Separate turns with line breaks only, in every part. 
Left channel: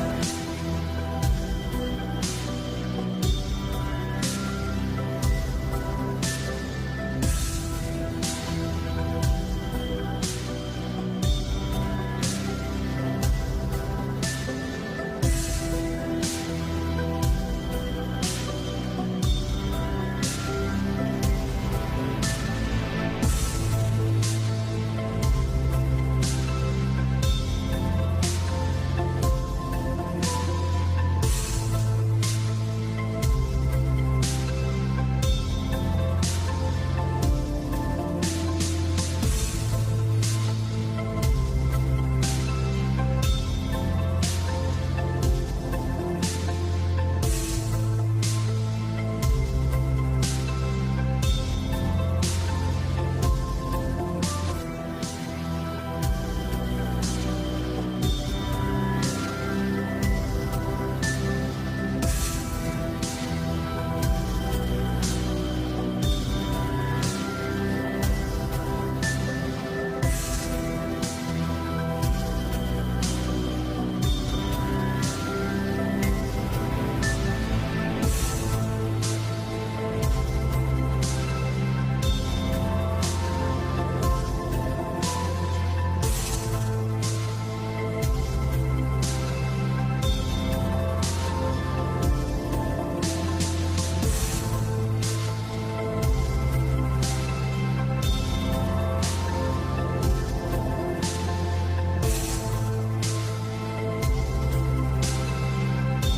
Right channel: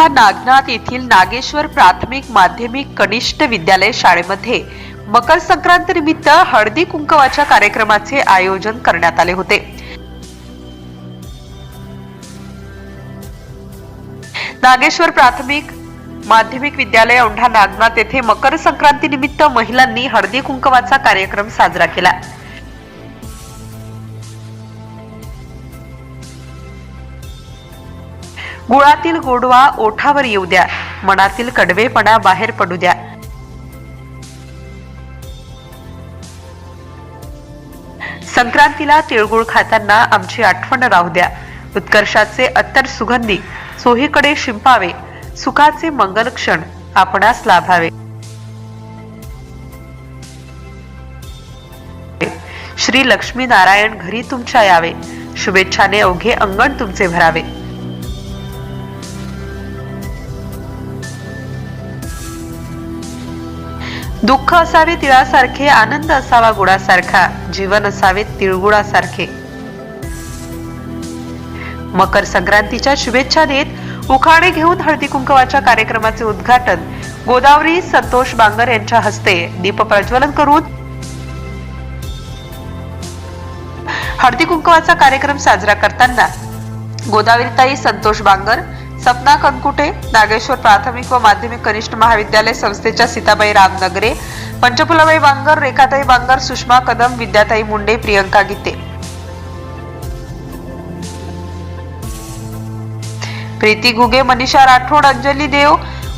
वर्धा नागनाथ येथील नागेश्वर प्राथमिक माध्यमिक कनिष्ठ विद्यालय शाळेमध्ये मकर संक्रांती निमित्त हळदी कुंकवाच्या कार्यक्रमाचे आयोजन करण्यात आले होते. नागेश्वर प्राथमिक माध्यमिक विद्यालय औंढा नागनाथ येथे मकर संक्रांती निमित्त महिलांनी हळदी कुंकवाचा कार्यक्रम साजरा केला. गुळातील गोडवा ओठावर येऊ द्या. मनातील कडवेपणा बाहेर पडू द्या. संक्रांतीला तिळगुळ खाताना आमची आठवण राहू द्या. उत्कर्षाचे अत्तर सुगंधी सोहीकडे शिंपावे सुखाचे मंगल क्षण आपणास लाभावे. श्री लक्ष्मी नारायण घरी तुमच्या यावे. शुभेच्छाने अवघे अंगण तुमचे भरावे. दुःख असावे तिळासारखे आनंद असावा गुळासारखा जीवन असावे तिळगुळासारखे. मकर संक्रांतीच्या शुभेच्छा देत उखाणे घेऊन हळदी कुंकवाच्या कार्यक्रमाचे उद्घाटन. गोदावरी संतोष बांगर यांच्या हस्ते दीप प्रज्वलन करून हळदी कुंकवाचा कार्यक्रम साजरा करताना गोदावरीताई संतोष बांगर सपना कनकुटे नागेश्वर प्राथमिक व माध्यमिक कनिष्ठ महाविद्यालय संस्थेच्या सीताबाई रामनगरे पंचफुलाबाई बांगर रेखाताई बांगर सुषमा कदम विद्याताई मुंडे प्रियंका गीते. प्रीती घुगे मनीषा राठोड अंजली देव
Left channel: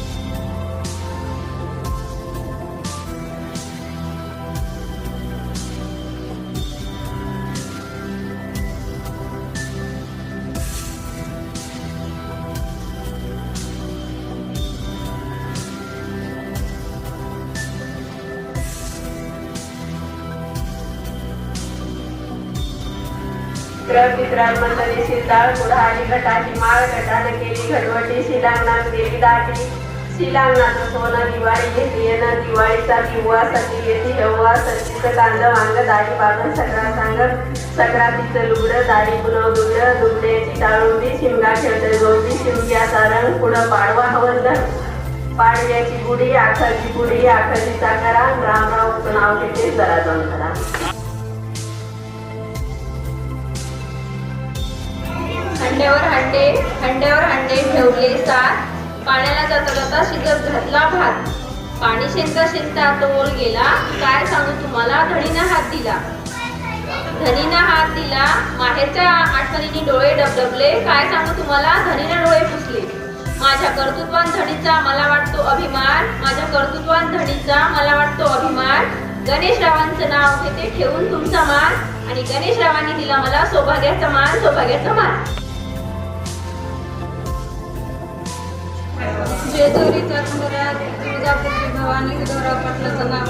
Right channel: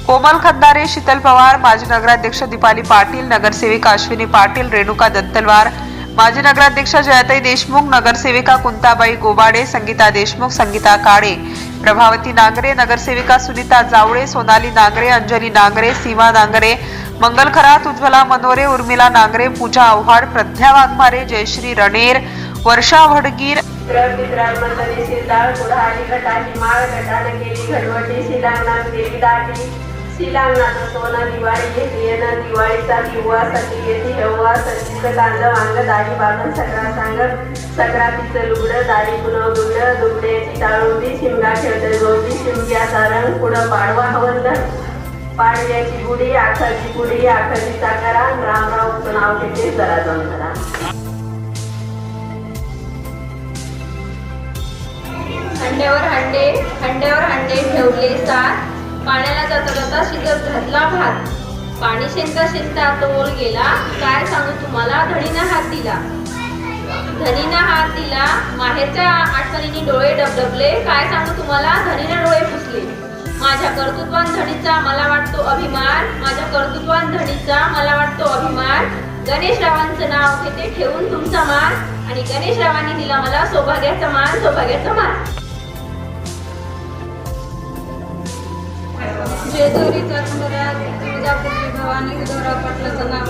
कोमल खंदारे शीतल पवार माजी नगराध्यक्ष दीपाली पाटील नगरसेविका अश्विनी पाटील रेणुका दत्तलवार माजी नगराध्यक्षा जयाताई देशमुख नगरसेविका कुंताबाई गोबाडे संगीता देशमुख संगीता काळे प्रभावती नांगरे नगरसेविका सुनीता जावळे सोनाली नांगरे अंजली नांगरे सीमा नांगरे मंगल खरात उज्ज्वला मनोरे उर्मिला नांगरे पूजा आव्हाड प्रज्ञा वाघमारे जयश्री रणेर वर्षा वडगीर
पित्राल मंडळी गटाची माळ केली केली दाटी. शिलांगणाचं सोनं दिवाळी येते येणं दिवाळीचा दिवासाठी येते हेव्हा सच्चीचं कांद वांग दाढी बांधून सगळा सांग सक्रातीचं लुगडं दाढी पुनव दुगडं दुगड्याची टाळुंबी शिमगा खेळते गौरी शिमग्याचा रंग पुढं पाडवा हवलं पाडव्याची गुढी आखाची गुडी आखाची चाकरा रामराव नाव घेते जरा जाऊन करा.
हंड्यावर हंडे हंडे पाण्याला जाता जाता शिजत घातला भात. पाणी शेंता शेंता तो ओल गेला. काय सांगू तुम्हाला? धडीनं हात दिला. धनीनं हात दिला. माहेरच्या आठवणीने डोळे डबडबले. काय सांगू तुम्हाला? धनीनं डोळे पुसले. माझ्या कर्तृत्वान धणीचा मला वाटतो अभिमान. माझ्या कर्तृत्वान धणीचा मला वाटतो अभिमान. गणेश रावांचं नाव घेते ठेवून तुमचा मान. आणि गणेश रावांनी दिला मला सौभाग्याचा मान सौभाग्याचा मान. तुळजापूरची भवानी पाटलाचं नाव.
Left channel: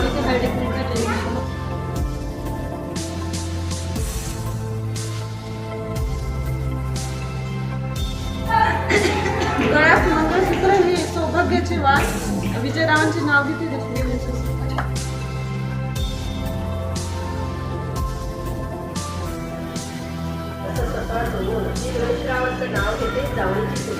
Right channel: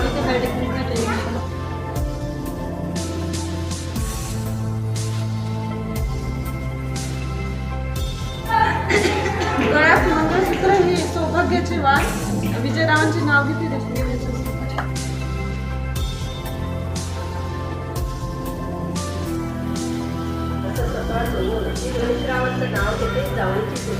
गळ्यात मंगळसूत्र ही सौभाग्याची वाण विजयरावांचे नाव
असं स्वतःचं मी गणेशरावांचं नाव घेते जावळीची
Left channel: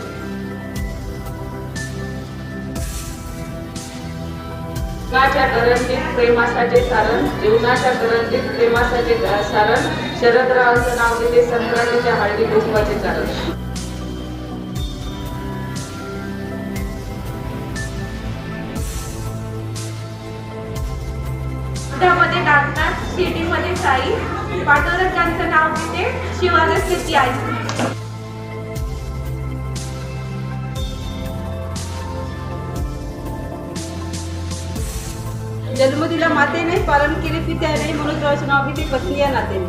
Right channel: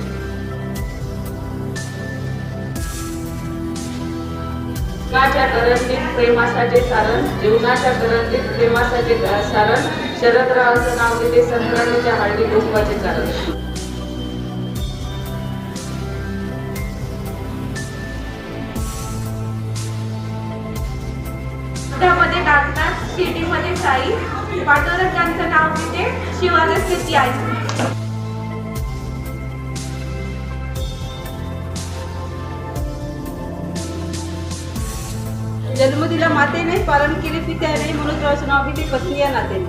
जीवनाच्या करंजीत प्रेमासाचे सारण जीवनाच्या करंजीत प्रेमासाचे सारण शरदरावांचं नाव घेते संक्रांतीच्या हळदी कुंकवाचे कारण
मध्ये नागनाथ शिर्डीमध्ये साई. पांडुरंग यांचं नाव घेते स्थिती आई.
जन्म दिला मातेने पालन केले पित्याने म्हणून रावाचं नाव घेते पत्नी या
देणारी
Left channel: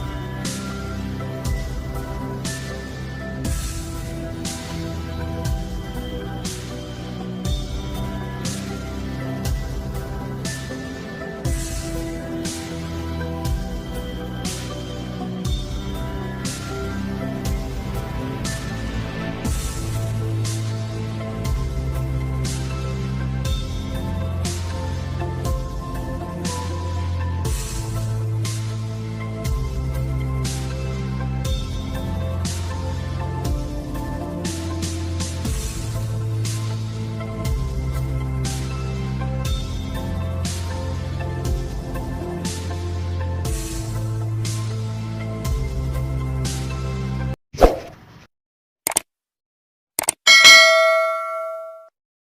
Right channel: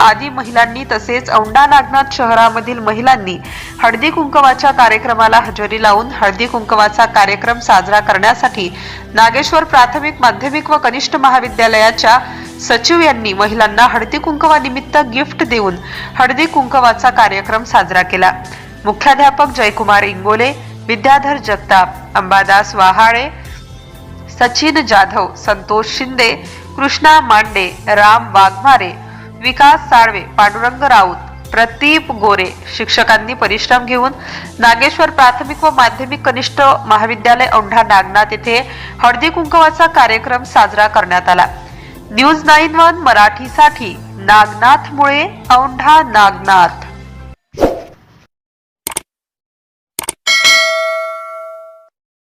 आदी महिलांनी तसेच औंढा नागनाथ शहरामधील महिलांनी हळदी कुंकवाच्या कार्यक्रमाला हजेरी लावून हळदी कुंकवाचा कार्यक्रम साजरा करण्यासाठी नागेश्वर प्राथमिक माध्यमिक व कनिष्ठ महाविद्यालयाच्या सचिव यांनी महिलांना हळदी कुंकवानिमित्त गिफ्ट देऊन हळदी कुंकवाचा कार्यक्रम साजरा केला. मुख्याध्यापक जयकुमार इंगोले विद्याधर जगताप अंबादास वाहाळे सचिन जाधव संतोष शिंदे कृष्णा मांडे राम वाघमारे विकास साळवे पांडुरंग राऊत प्रदीप गोरे शिक्षकांनी परिश्रम घेऊन नागेश्वर प्राथमिक व माध्यमिक कनिष्ठ महाविद्यालय औंढा नागनाथ येथे हळदी कुंकवाचा कार्यक्रम साजरा करण्यात आला. न्यूज नाईन वन मराठीसाठी नागनाथ मुळे औंढा नागनाथ.